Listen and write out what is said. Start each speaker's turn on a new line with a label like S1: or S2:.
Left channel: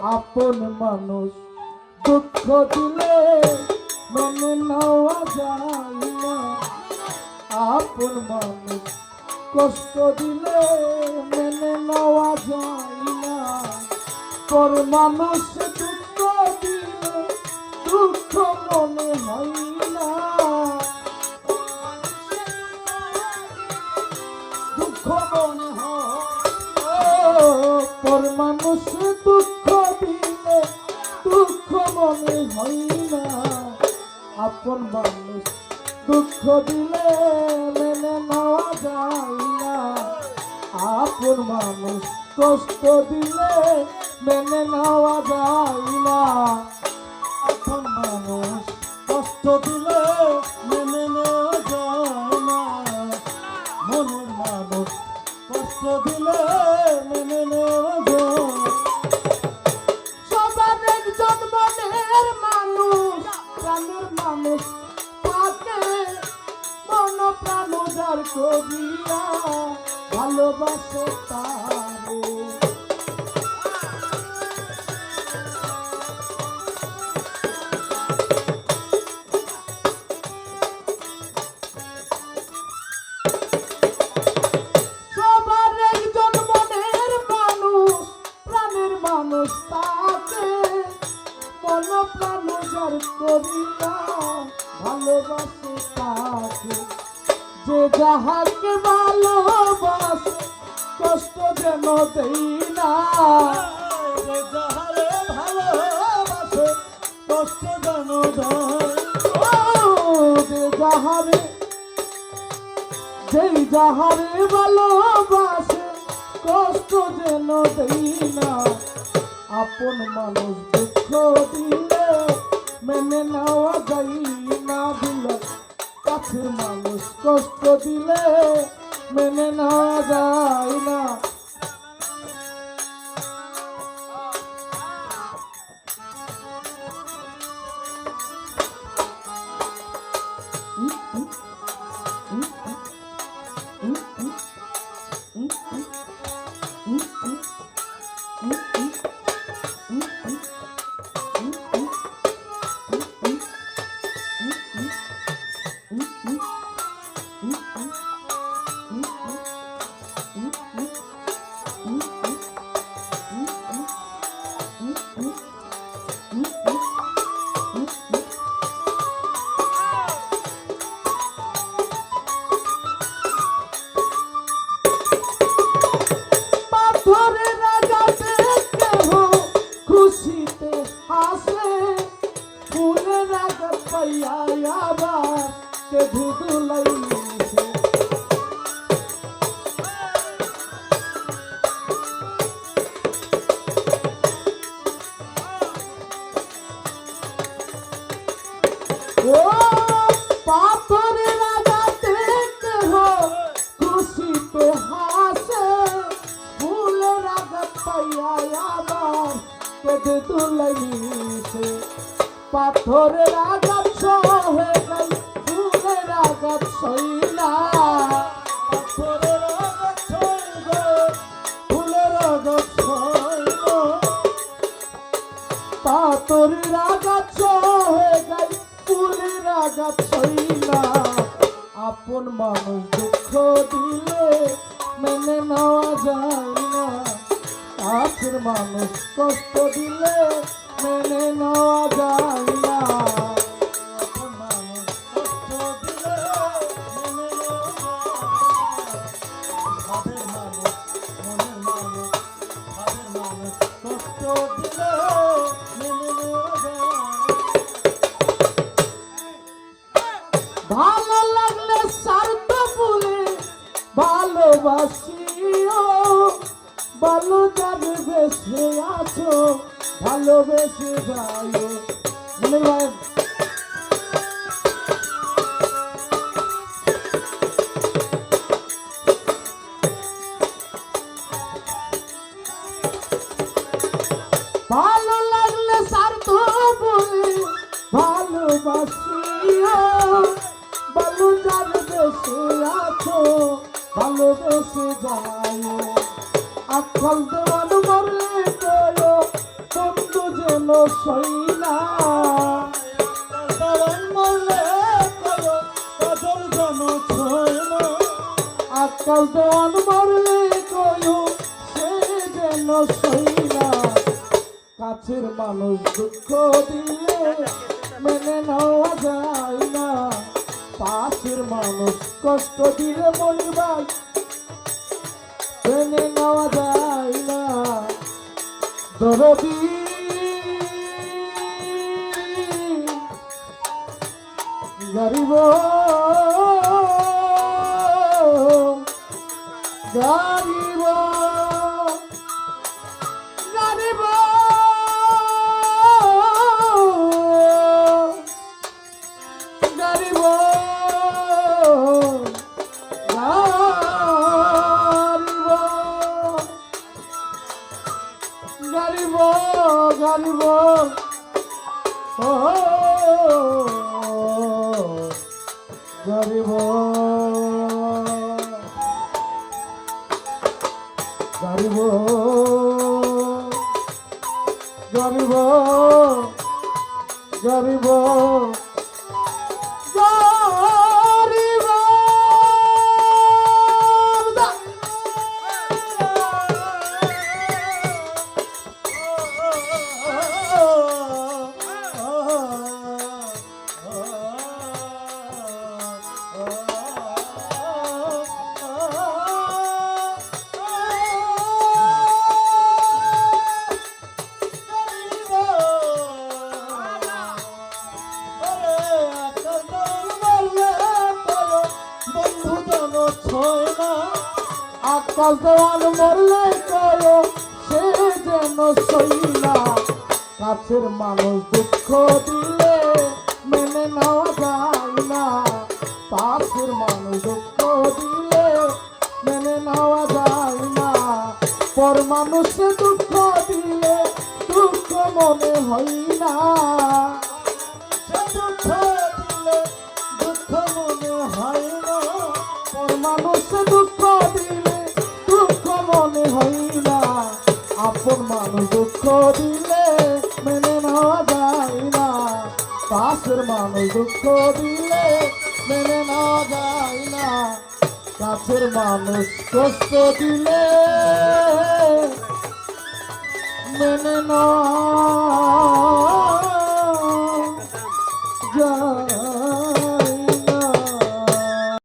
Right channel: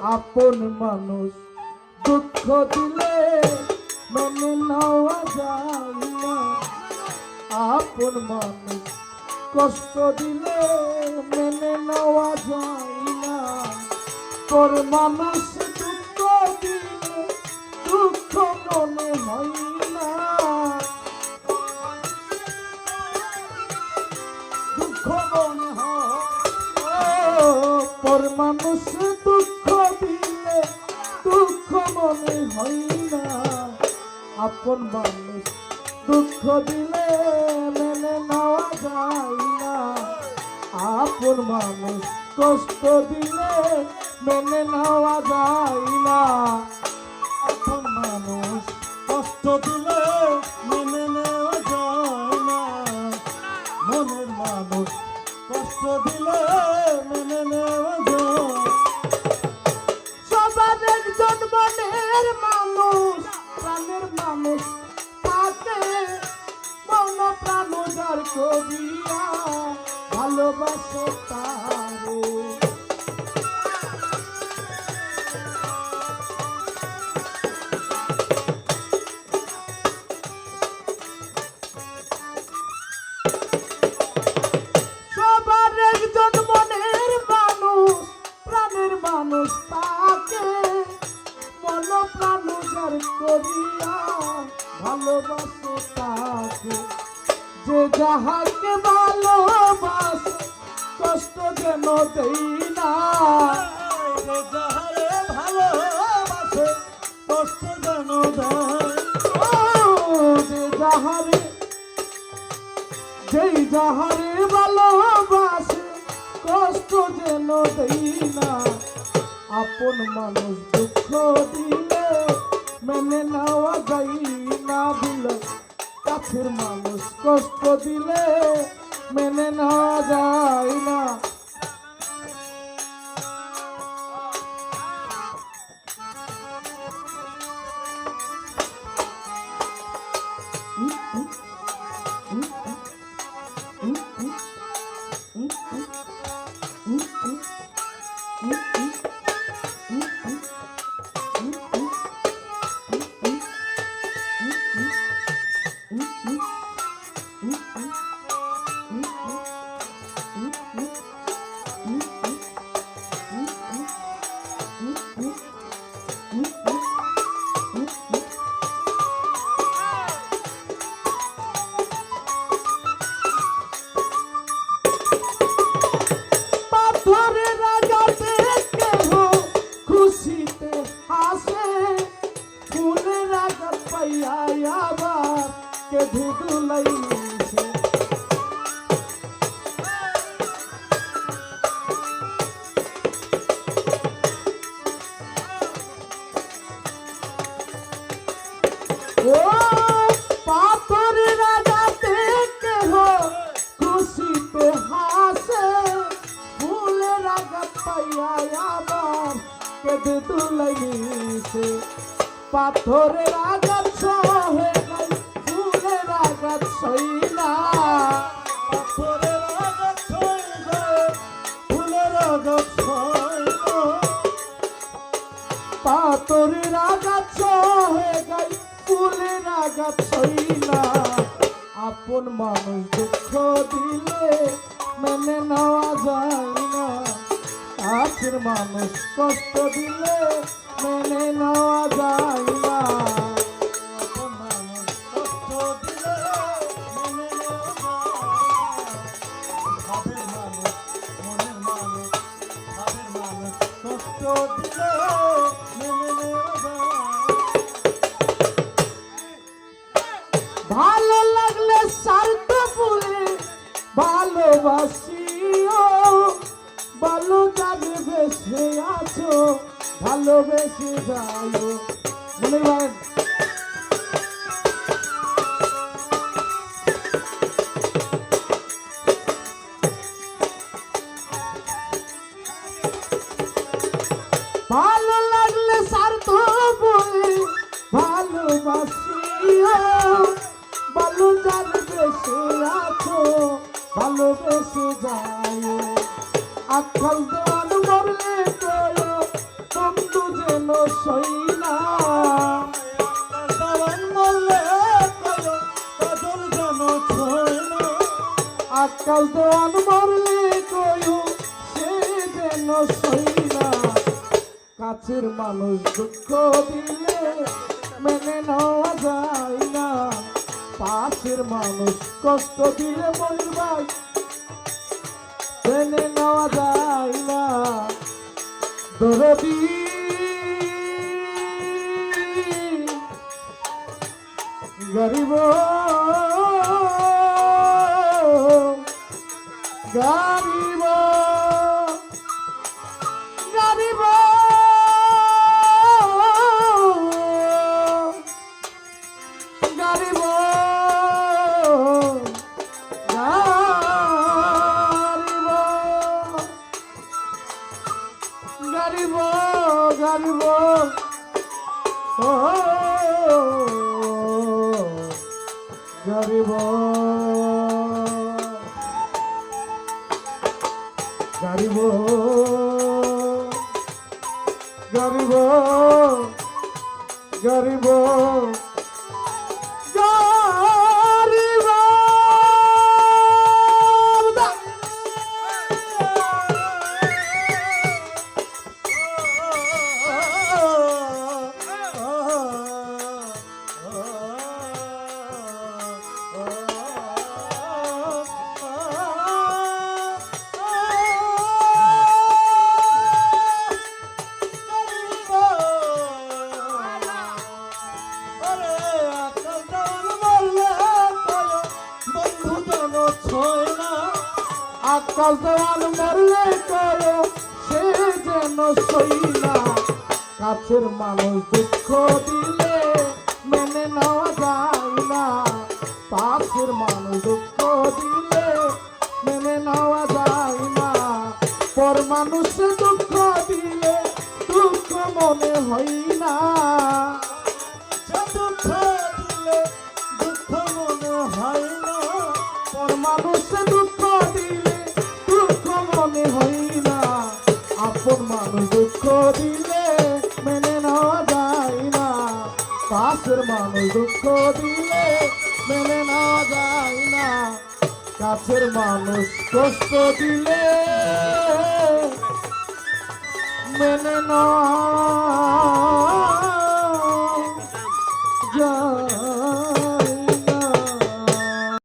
S1: আপন মানুষ দুঃখ দিলে মেনে নেওয়া যায় না। আপন মানুষ কষ্ট দিলে মেনে নেওয়া যায় না। তোর মানুষ দুঃখ দিলে দুঃখ মনে হয় না। দুঃখ মনে হয় তোর মানুষ দুঃখ মনে হয় না। আপন মানুষ দুঃখ দিলে মেনে নেওয়া যায় না। আপন মানুষ কষ্ট দিলে মেনে নেওয়া যায় না। আপন মানুষ কষ্ট দিলে মেনে নেওয়া যায় না। মনের মানুষ কষ্ট দিলে মেনে নেওয়া যায় তাকে মন প্রাণ উজাড় করিয়া ভালোবাসে তাকে। যে যাহাকে ভালোবাসে কষ্ট যেন দেই না। যে যাহারে ভালোবাসে কষ্ট যেন দেয় যে যাহারে যেই যাহারে ভালোবাসে কষ্ট যেন দেই না। আপন মানুষ দুঃখ দিলে মেনে নেওয়া যাই না দিলে কাছের মানুষ কষ্ট দিলে মেনে নেওয়া যায় না পাথরের আবার কেঁদে তুলাইছে পাথরের আঘাত সহে নাই ফুলের আঘাত সইলা ফুলের আঘাত পাথরের আঘাত ফুলের আঘাত আপন মানুষ দিলে মেনে নেওয়া যায় কাছের মানুষ কষ্ট দিলে মেনে নেওয়া যায় না। ভালো লাগলে স্বার্থ বলে ভালোবাসিও, ভালো যাবে বেসে আছো ভালোবেসে যাও। মনে ভালো লাগলে স্বার্থ বলে ভালোবাসিও। ভালো যাবে বেসে আছো, ভালোবেসে যাও। আজকাল দেওয়ান মরলে কয়ো সই না
S2: তারান মরলে কয় কাজল যেন ছয় না
S1: আকাল দেওয়ান মরলে কয়ু সে যেন সই না কাছের মানুষ দুঃখ দিলে মেনে নেওয়া যায় না। পাশের মানুষ কষ্ট দিলে মেনে নেওয়া যায় না দরদি। গরিব। গরিব। গরিব ও গরিব গরিব গরিব গরিব সই কাছের মানুষ দুঃখ দিলে মেনে নেওয়া যায় না। পাশের মানুষ দুঃখ দিলে মেনে নেওয়া যায় না। পর মানুষে দুঃখ দিলে দুঃখ মনে হয় মানুষে দুঃখ দিলে, দুঃখ মনে হয় না। আপন মানুষ দুঃখ দিলে মেনে নেওয়া যায় না। পাশের মানুষ দুঃখ দিলে মেনে নেওয়া